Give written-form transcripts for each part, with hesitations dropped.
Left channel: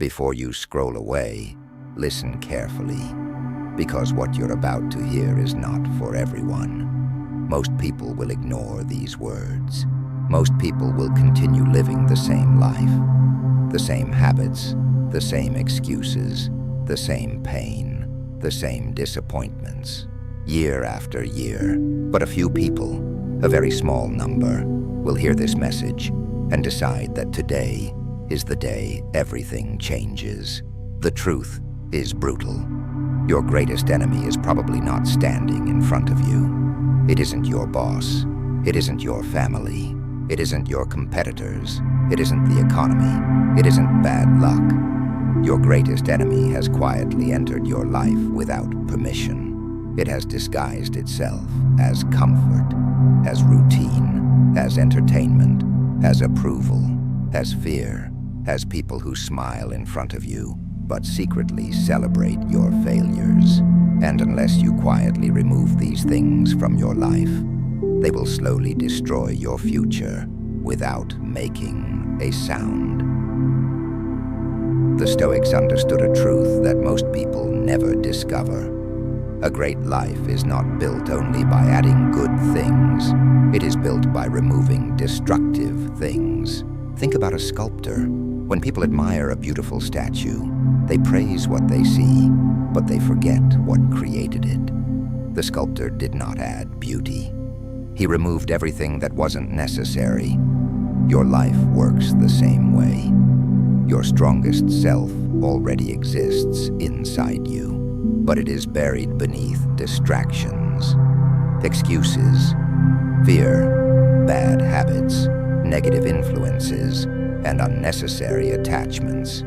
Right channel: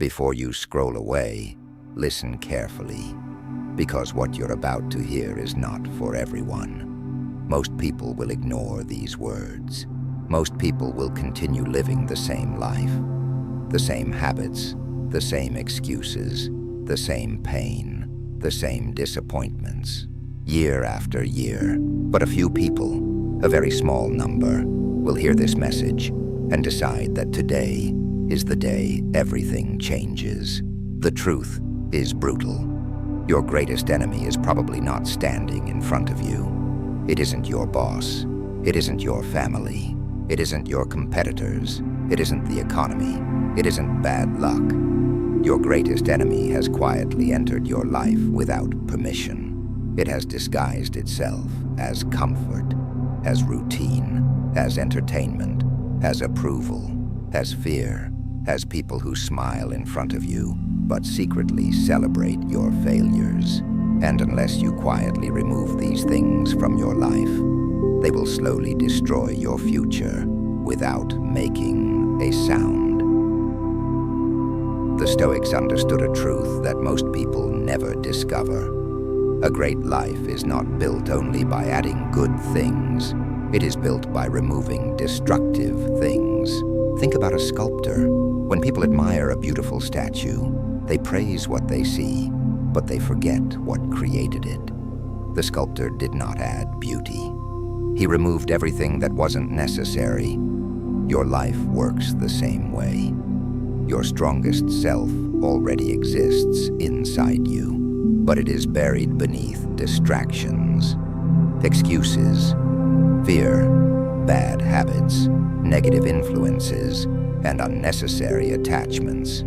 Before you scroll away, listen carefully, because what you're about to hear is not for everyone. Most people will ignore these words. Most people will continue living the same life, the same habits, the same excuses, the same pain, the same disappointments, year after year. But a few people, a very small number, will hear this message and decide that today is the day everything changes. The truth is brutal. Your greatest enemy is probably not standing in front of you. It isn't your boss. It isn't your family. It isn't your competitors. It isn't the economy. It isn't bad luck. Your greatest enemy has quietly entered your life without permission. It has disguised itself as comfort, as routine, as entertainment, as approval, as fear, as people who smile in front of you, but secretly celebrate your failures. And unless you quietly remove these things from your life, they will slowly destroy your future without making a sound. The Stoics understood a truth that most people never discover. A great life is not built only by adding good things. It is built by removing destructive things. Think about a sculptor. When people admire a beautiful statue, they praise what they see, but they forget what created it. The sculptor did not add beauty. He removed everything that wasn't necessary. Your life works the same way. Your strongest self already exists inside you, but it is buried beneath distractions, excuses, fear, bad habits, negative influences, and unnecessary attachments.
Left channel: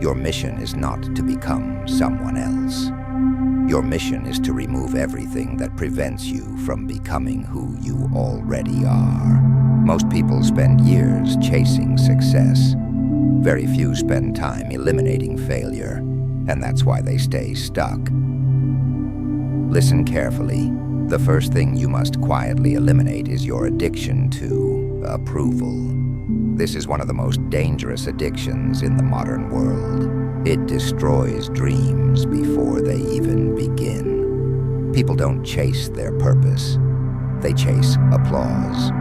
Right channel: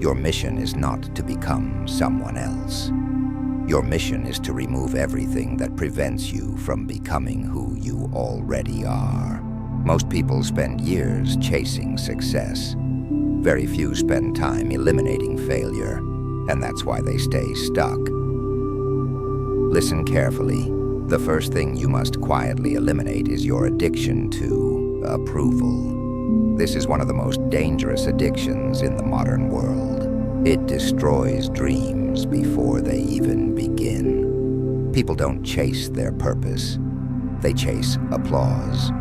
Your mission is not to become someone else. Your mission is to remove everything that prevents you from becoming who you already are. Most people spend years chasing success. Very few spend time eliminating failure, and that's why they stay stuck. Listen carefully. The first thing you must quietly eliminate is your addiction to approval. This is one of the most dangerous addictions in the modern world. It destroys dreams before they even begin. People don't chase their purpose. They chase applause.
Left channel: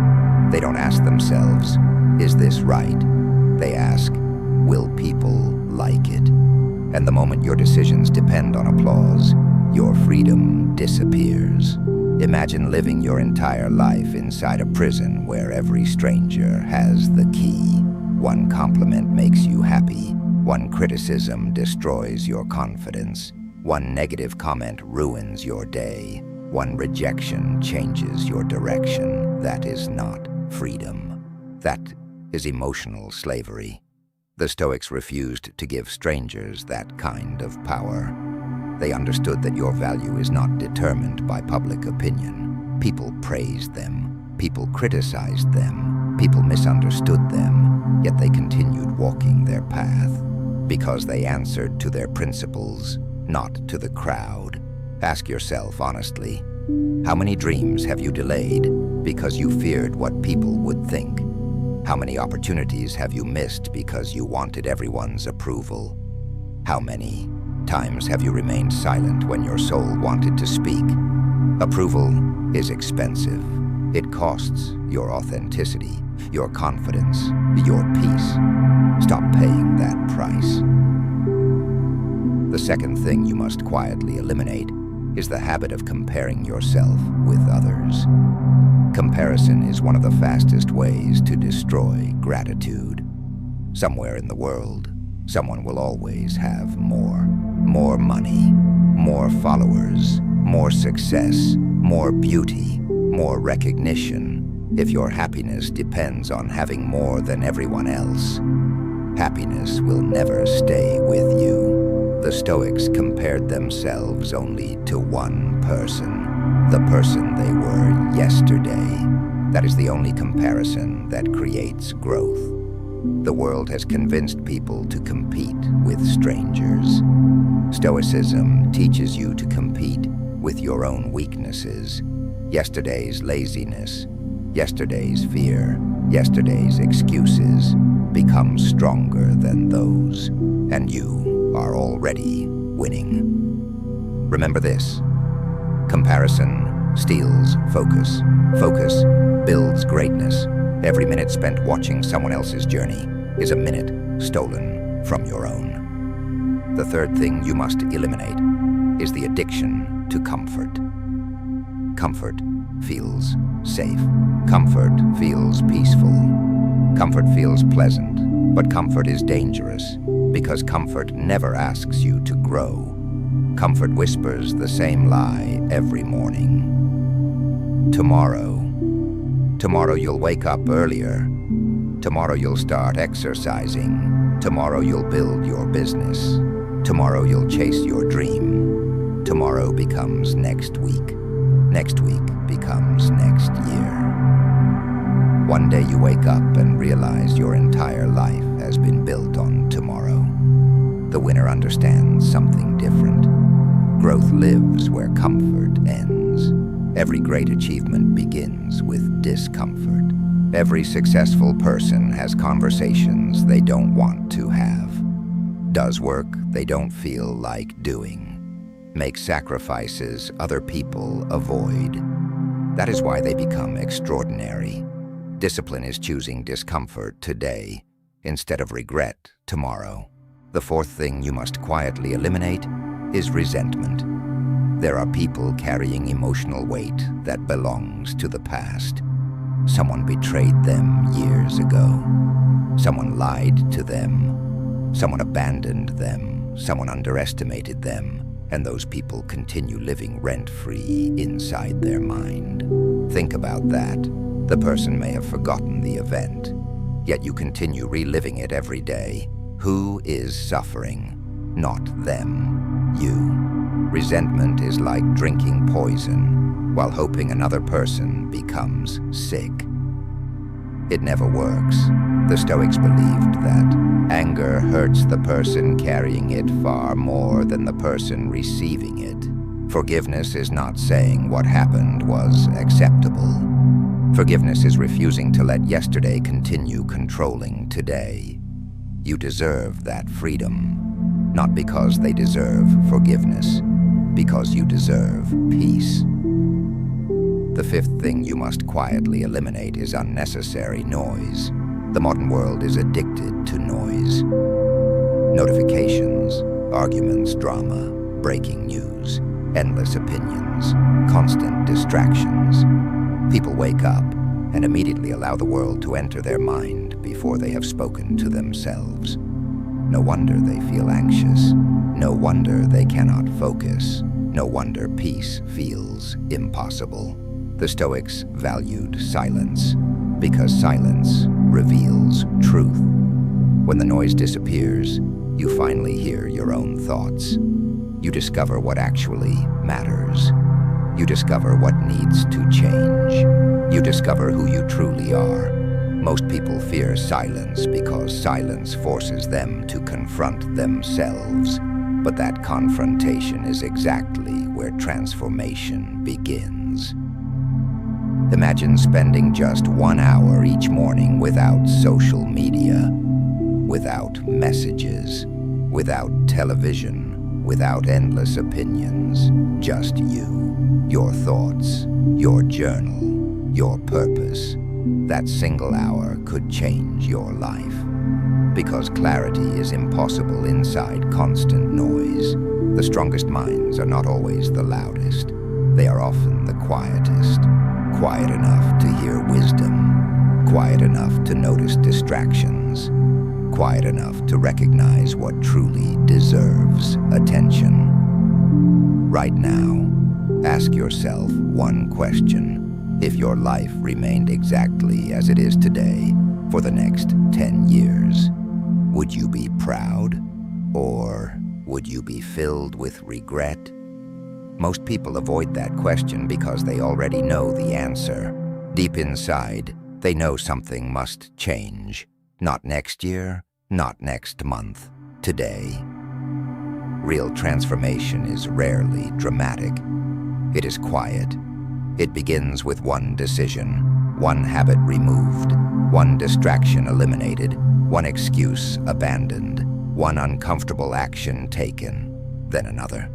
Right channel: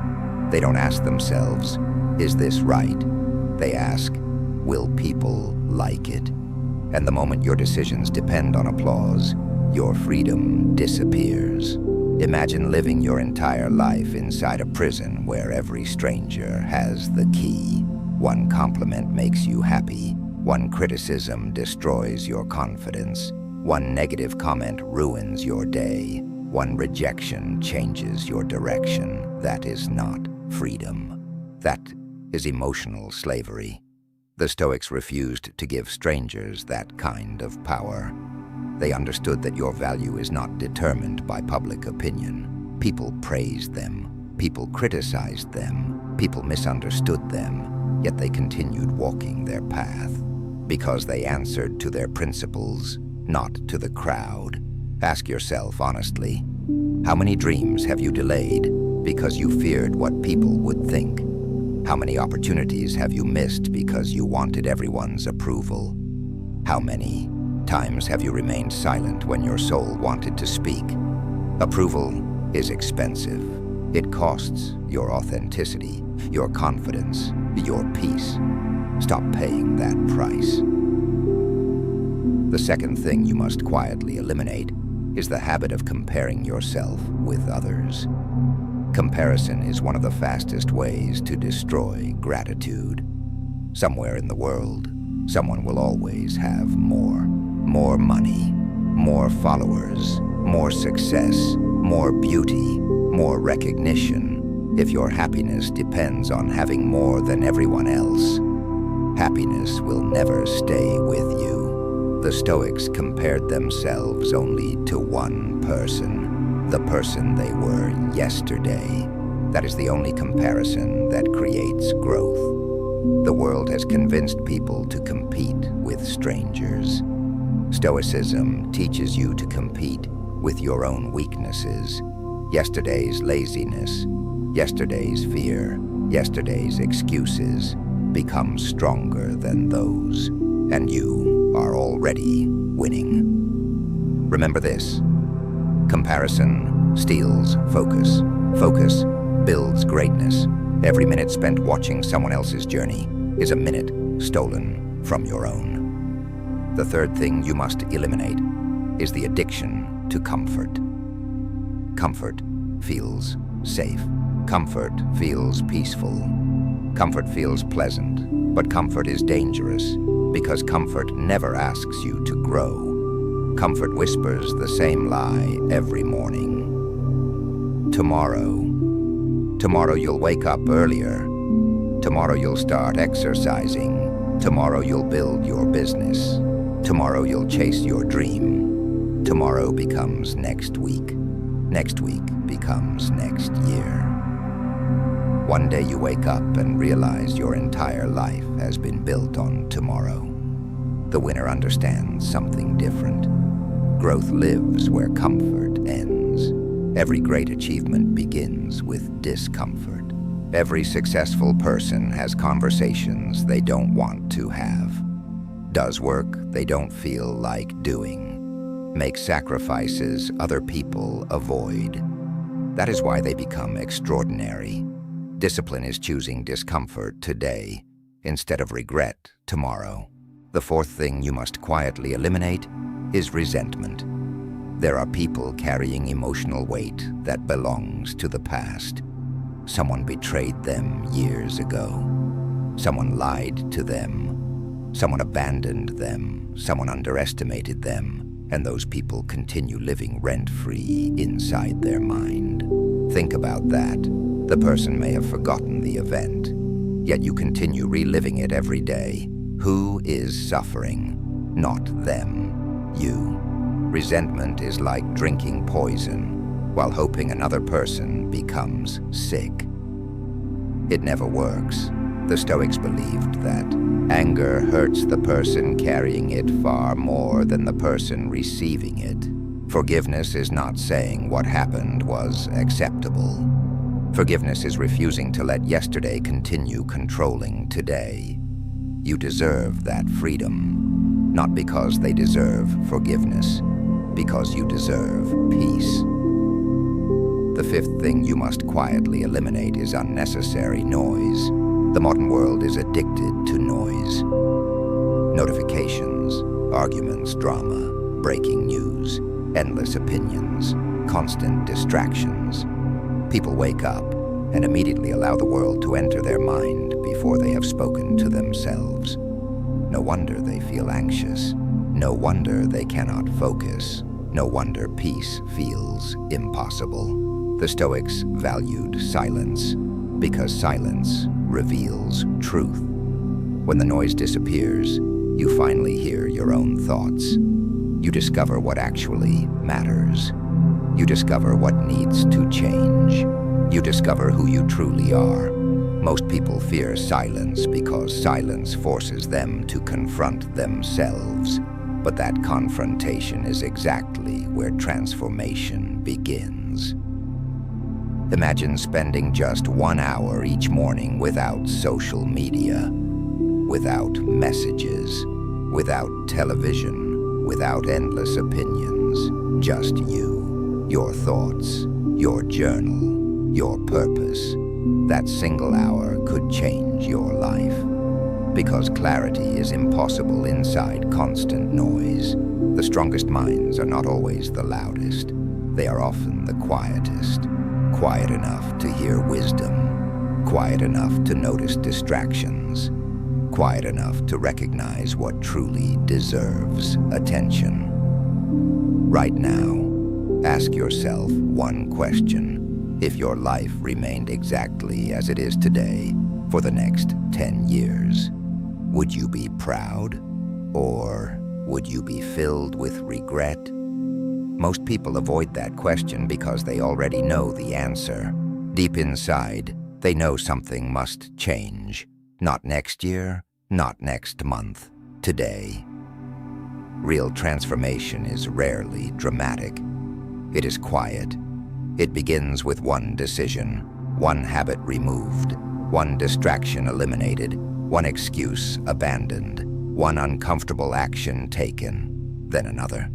They don't ask themselves, is this right? They ask, will people like it? And the moment your decisions depend on applause, your freedom disappears. Imagine living your entire life inside a prison where every stranger has the key. One compliment makes you happy. One criticism destroys your confidence. One negative comment ruins your day. One rejection changes your direction. That is not freedom. That is emotional slavery. The Stoics refused to give strangers that kind of power. They understood that your value is not determined by public opinion. People praised them. People criticized them. People misunderstood them, yet they continued walking their path because they answered to their principles, not to the crowd. Ask yourself honestly, how many dreams have you delayed because you feared what people would think? How many opportunities have you missed because you wanted everyone's approval? How many times have you remained silent when your soul wanted to speak? Approval is expensive. It costs your authenticity, your confidence, your peace. Stop paying that price. The second thing you must quietly eliminate is the habit of comparing yourself with others. Comparison is one of the fastest ways to destroy gratitude. Somewhere in the world, someone will always have more. More money, more followers, more success, more beauty, more recognition. If your happiness depends on having more than everyone else, happiness will never stay with you. The Stoics compared themselves only to one person, the person they were yesterday. That is the only comparison that creates growth. The world has convinced people to compete with strangers. Stoicism teaches you to compete with your own weaknesses. Yesterday's laziness, yesterday's fear, yesterday's excuses become stronger than those. and you are already winning. Remember this: comparison steals focus. Focus builds greatness. Every minute spent watching someone else's journey is a minute stolen from your own. The third thing you must eliminate is the addiction to comfort. Comfort feels safe. Comfort feels peaceful. Comfort feels pleasant, but comfort is dangerous because comfort never asks you to grow. Comfort whispers the same lie every morning. Tomorrow you'll wake up earlier. Tomorrow you'll start exercising. Tomorrow you'll build your business. Tomorrow you'll chase your dream. Tomorrow becomes next week. Next week becomes next year. One day you wake up and realize your entire life has been built on tomorrow. The winner understands something different. Growth lives where comfort ends. Every great achievement begins with discomfort. Every successful person has conversations they don't want to have, does work they don't feel like doing, makes sacrifices other people avoid. That is why they become extraordinary. Discipline is choosing discomfort today instead of regret tomorrow. The fourth thing you must quietly eliminate is resentment. There are people carrying emotional weight that belongs to the past. Someone betrayed them years ago. Someone lied to them. Someone abandoned them. Someone underestimated them. And those people continue living rent-free inside their mind. Think about that. The person may have forgotten the event, yet you continue reliving it every day. Who is suffering? Not them. You. Resentment is like drinking poison while hoping another person becomes sick. It never works. The Stoics believed that anger hurts the person carrying it far more than the person receiving it. Forgiveness is not saying what happened was acceptable. Forgiveness is refusing to let yesterday continue controlling today. You deserve that freedom, not because they deserve forgiveness, because you deserve peace. The fifth thing you must quietly eliminate is unnecessary noise. The modern world is addicted to noise. Notifications, arguments, drama, breaking news, endless opinions, constant distractions. People wake up and immediately allow the world to enter their mind before they have spoken to themselves. No wonder they feel anxious. No wonder they cannot focus. No wonder peace feels impossible. The Stoics valued silence because silence reveals truth. When the noise disappears, you finally hear your own thoughts. You discover what actually matters. You discover what needs to change. You discover who you truly are. Most people fear silence because silence forces them to confront themselves. But that confrontation is exactly where transformation begins. Imagine spending just 1 hour each morning without social media, without messages, without television, without endless opinions. Just you, your thoughts, your journal, your purpose. That single hour could change your life. Because clarity is impossible inside constant noise. The strongest minds are not always the loudest. They are often the quietest. Quiet enough to hear wisdom. Quiet enough to notice distractions. Quiet enough to recognize what truly deserves attention. Right now, ask yourself one question. If your life remained exactly as it is today for the next 10 years, would you be proud, or would you be filled with regret? Most people avoid that question because they already know the answer. Deep inside, they know something must change. Not next year, not next month, today. Real transformation is rarely dramatic. It is quiet. It begins with one decision, one habit removed, one distraction eliminated, one excuse abandoned, One uncomfortable action taken, then another,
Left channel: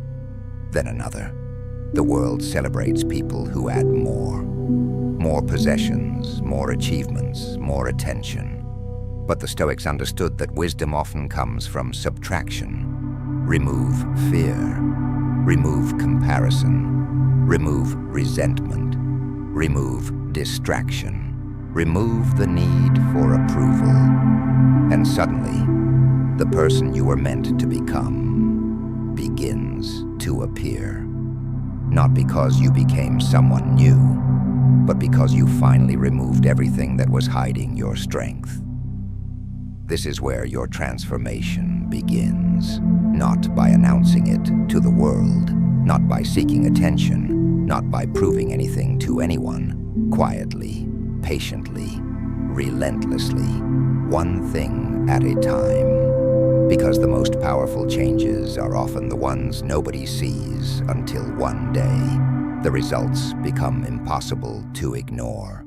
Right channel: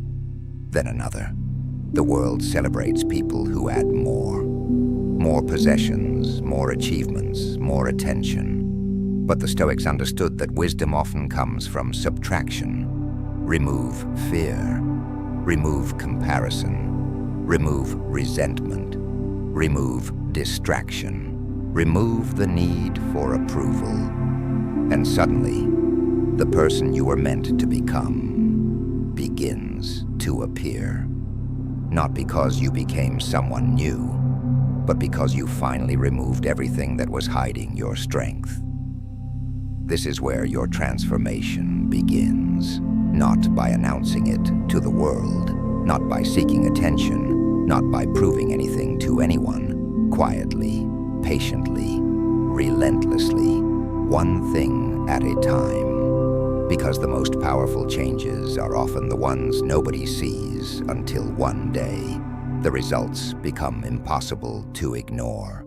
then another. The world celebrates people who add more. More possessions, more achievements, more attention. But the Stoics understood that wisdom often comes from subtraction. Remove fear. Remove comparison. Remove resentment. Remove distraction. Remove the need for approval. And suddenly, the person you were meant to become begins to appear. Not because you became someone new, but because you finally removed everything that was hiding your strength. This is where your transformation begins, not by announcing it to the world, not by seeking attention, not by proving anything to anyone, quietly, patiently, relentlessly, one thing at a time. Because the most powerful changes are often the ones nobody sees until one day, the results become impossible to ignore.